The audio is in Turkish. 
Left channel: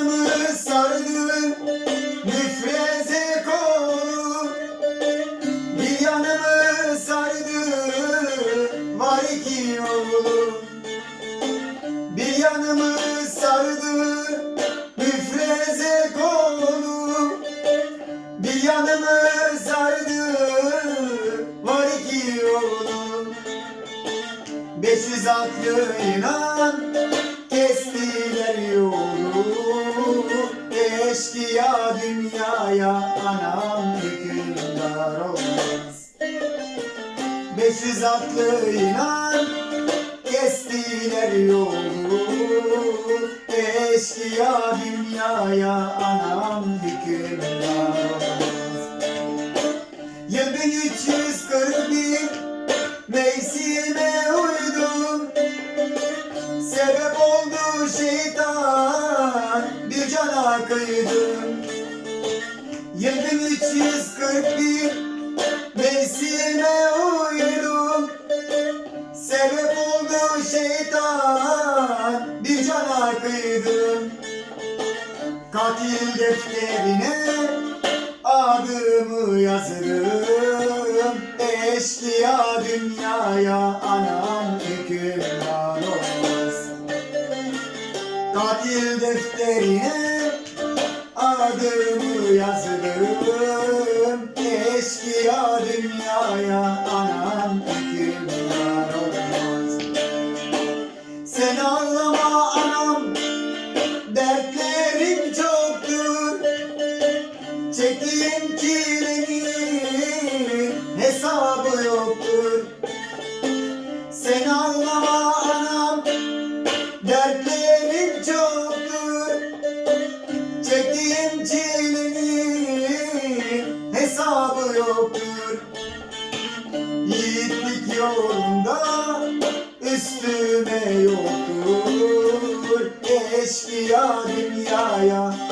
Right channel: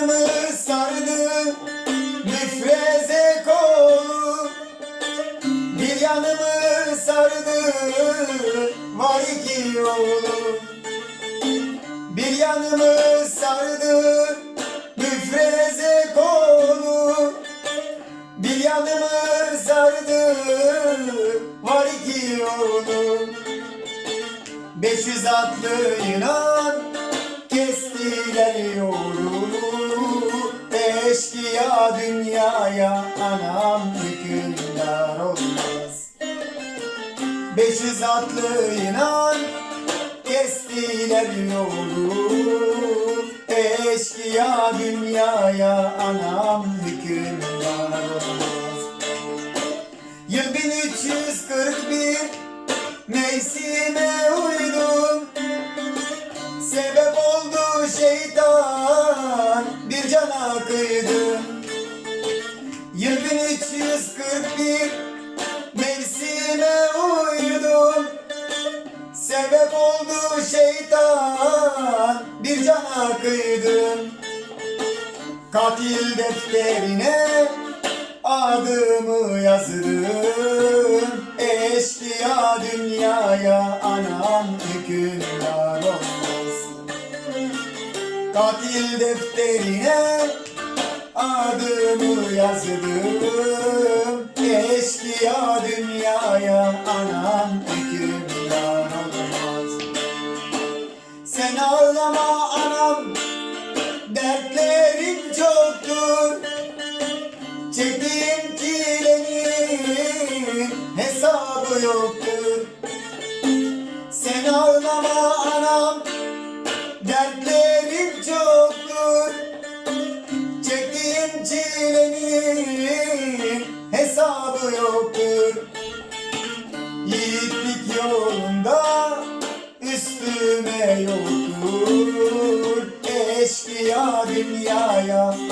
Canımı sardın nefrete konu. Bir yanımı sardın var iki Bir yanımı sardın nefrete konu. Bir yanımı sardın var iki yolu. Beş yüz atlı inan. Beş yüz atlı inan kestiler yolu. Eşkıya dünyaya anam şeytan bir cana kıydım. Katil defterine adımı yazdım. Eşkıya dünyaya anam hükümdar olmaz. Katil defterine adımı Eşkıya hesabı yoktur. Seni ağlama anam Dertlerim çoktur. Çektiğim çilenin hesabı yoktur. Yiğitlik yolunda üstüme yoktur. Eşkıya dünyaya